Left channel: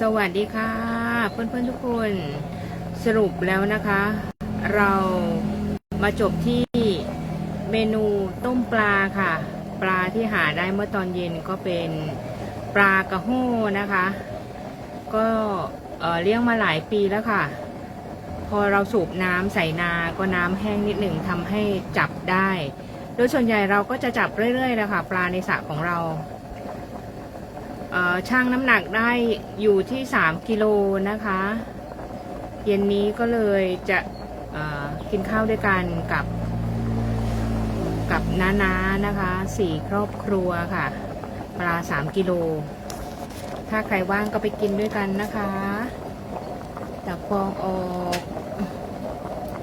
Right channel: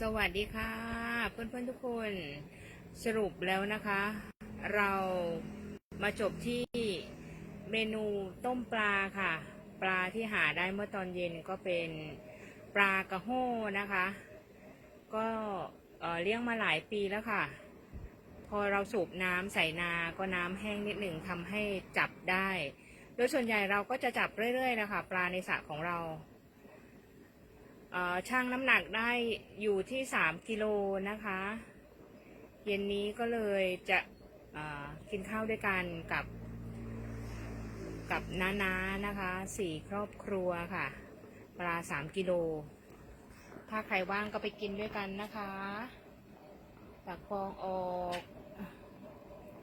สวัสดีค่ะ เพื่อนๆทุกคนสรุปแล้วนะคะ เรามาจบที่เมนูต้มปลาค่ะ ปลาที่หาได้เมื่อตอนเย็นก็เป็นปลากระโห้นะคะ ก็เอ่อเลี้ยงมาหลายปีแล้วค่ะ พอเราสูบน้ำใส่นาก็น้ำแห้งนิดหนึ่งทำให้จับได้ โดยส่วนใหญ่เราก็จะจับเรื่อยๆเลยค่ะปลาในสระของเรา ช่างน้ำหนักได้อยู่ที่ 3 กิโลนะคะ เย็นนี้ก็เลยจะกินข้าวด้วยกันกับ กับน้าๆนนะคะสี่ครอบครัวค่ะ ปลา 3 กิโล ถ้าใครว่างก็ไปกินด้วยกันนะคะตักฟองออก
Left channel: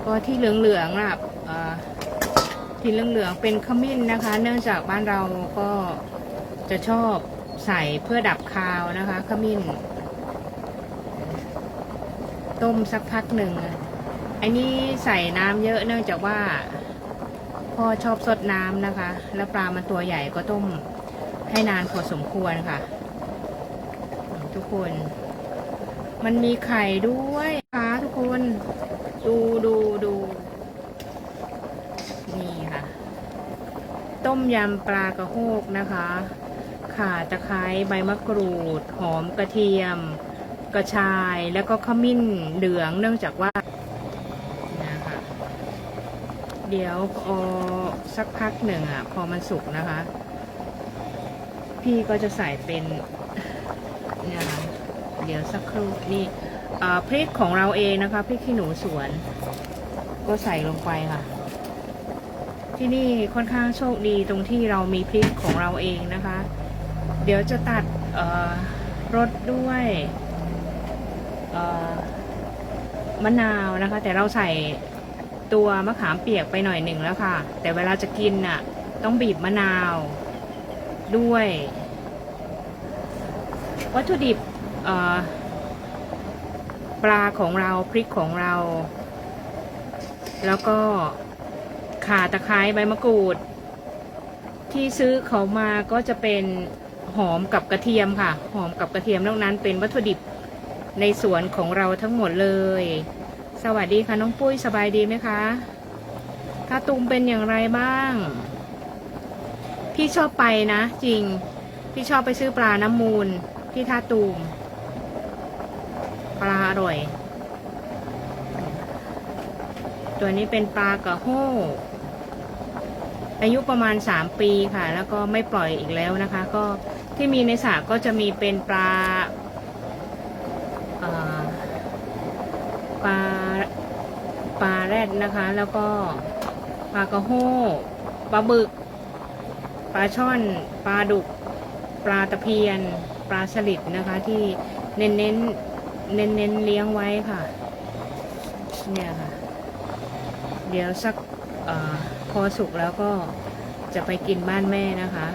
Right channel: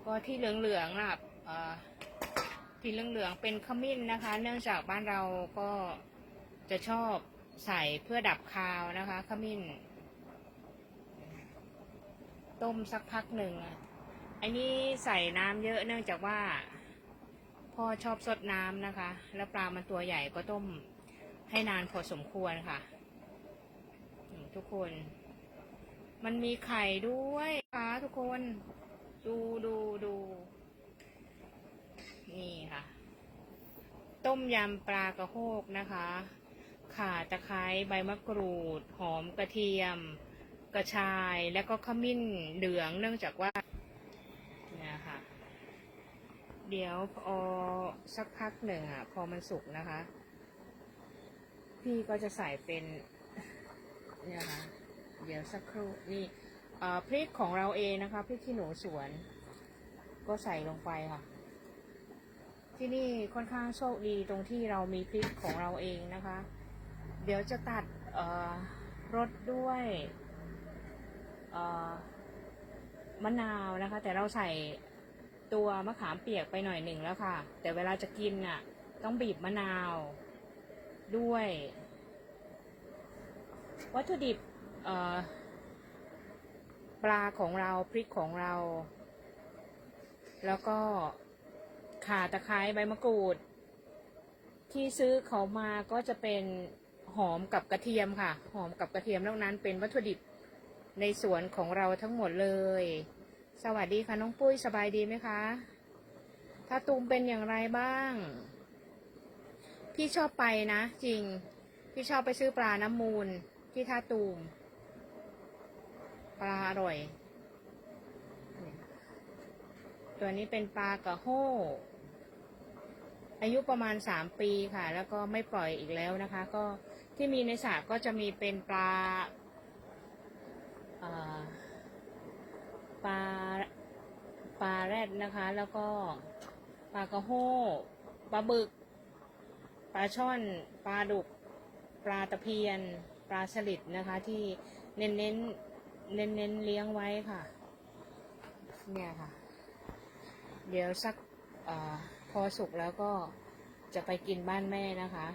ก็ที่เหลืองๆน่ะที่เหลืองๆเป็นขมิ้นนะคะ เนื่องจากบ้านเราก็จะชอบ ใส่เพื่อดับคาวนะคะขมิ้น ต้มสักพักหนึ่งอันนี้ใส่น้ำเยอะเนื่องจากว่าพ่อชอบสดน้ำนะคะ แล้วปลามันตัวใหญ่ก็ต้มให้นานพอสมควรค่ะ ทุกคน มันมีไข่ด้วยค่ะทุกคน ดูดูดูนี่ค่ะ ต้มยำปลากระโฮกนะคะ ข่าตะไคร้ใบมะกรูด หอมกระเทียม กระชาย แล้วก็ขมิ้นเหลืองเนื่องจากว่านะคะเดี๋ยวอสักพักหนึ่งอะ พอมันสุกนะคะ พี่ก็จะใส่เป็นเนี่ยะเดี๋ยวสักครู่นี่พริกของเราเองนะคะพริกขี้หนูสวน ก็ใส่ลงไปค่ะ ที่นี่ค่อนข้างโชคดีตรงที่เรามีพริกของเราเองนะคะ เดี๋ยวจะตัดรสด้วยมะนาวนะคะ แต่เราใส่ตัวมะขามเปียกไปหน่อยหนึ่งแล้วค่ะ แต่เวลาจะกินน่ะ ต้องบีบมะนาวด้วย วัตถุดิบปลาของเราพริกของเรา แล้วก็ข่าตะไคร้ใบมะกรูด ที่ซื้อเขามาก็จะเป็น หอมกับกระเทียมค่ะ หอมกับกระเทียมนอกนั้นเป็นวัตถุดิบในสวนของเราทั้งหมดเลย สวัสดีค่ะน้องปุ้ยสบายดีไหมคะท่าตุมเป็นอย่างไรบ้าง พี่ชอบไปนะ จริง พี่ชอบไปซื้อปลาน้ำมูลที่ท่าตูม ปลาอร่อย ตัวนี้เป็นปลากระโห้อายุประมาณ 3 ปีค่ะ แล้วก็ไม่ปล่อยอีกแล้วนะคะ ก็ ที่มีในสระก็จะมีเป็นปลาปลาปลาแรดนะคะ แล้วก็ปลากระโห้ปลาบึก ปลาช่อน ปลาดุก ปลาตะเพียน ปลาสลิดนะคะ ที่เน้นเน้นเน้นเน้นเลี้ยงไว้ค่ะ เนี่ยค่ะ เดี๋ยวสักอพอสุกแล้วก็จะไปกินบ้านแม่นะคะ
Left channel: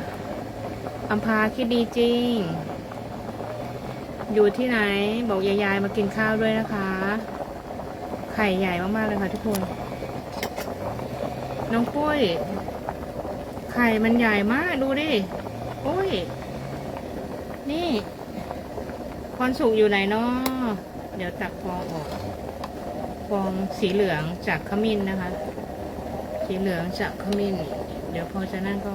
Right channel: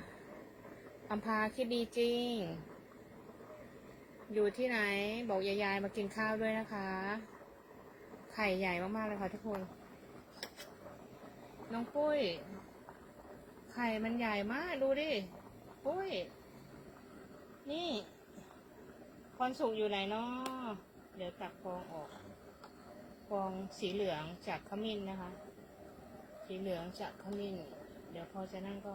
อัมพาคิดดีจริง อยู่ที่ไหน บอกยายๆมากินข้าวด้วยนะคะ ไข่ใหญ่มากๆเลยค่ะทุกคน น้องปุ้ย ไข่มันใหญ่มากดูดิโอ้ย นี่คอนสุกอยู่ไหนเนาะเดี๋ยวตักฟองออก ฟองสีเหลืองจากขมิ้นนะคะ สีเหลืองจากขมิ้น เดี๋ยวพอจะนั่นก็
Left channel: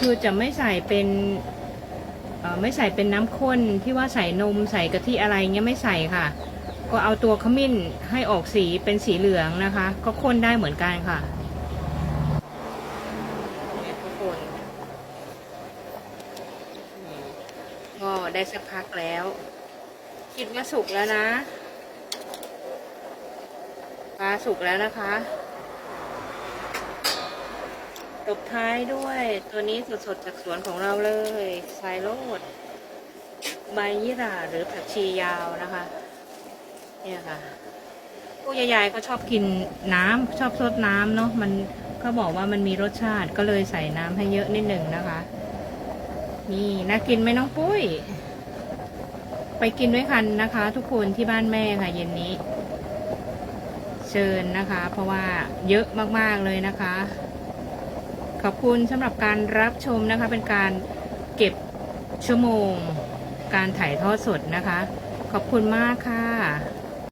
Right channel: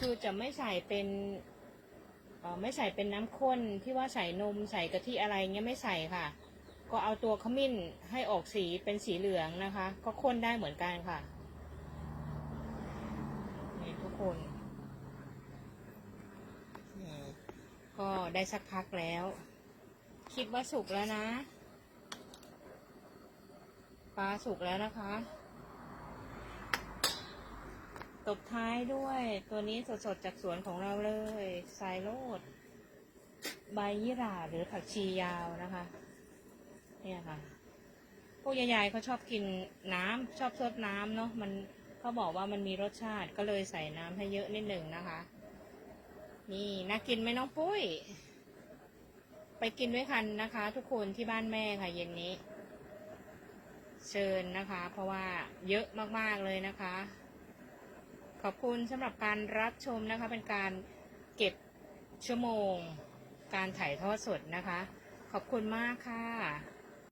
คือจะไม่ใส่เป็นไม่ใส่เป็นน้ำข้นที่ว่าใส่นมใส่กะทิอะไรเงี้ยไม่ใส่ค่ะ ก็เอาตัวขมิ้นให้ออกสีเป็นสีเหลืองนะคะ ก็ข้นได้เหมือนกันค่ะเนี่ยทุกคนก็ได้สักพักแล้ว คิดว่าสุกแล้วนะปลาสุกแล้วนะคะ บท้ายด้วยตัวนี้สดๆจากสวนของเราเลยไซโรดใบยี่หร่าหรือผักชียาวนะคะ เนี่ยค่ะพวกยายๆก็ชอบกินน้ำชอบซดน้ำเนาะมันเขาบอกว่ามันมีรสชาติก็เลยใส่น้ำให้เยอะนิดหนึ่งนะคะ นี่น่ากินไหมน้องปุ้ย ไปกินด้วยกันนะคะ ทุกคนที่บ้านแม่ค่ะ เย็นนี้ เชิญนะคะ เพราะว่าเยอะมากๆเลยนะคะ ขอบคุณสำหรับการรับชมนะคะ เป็นการเก็บชั่วโมง การถ่ายทอดสดนะคะ ขอบคุณมากค่ะ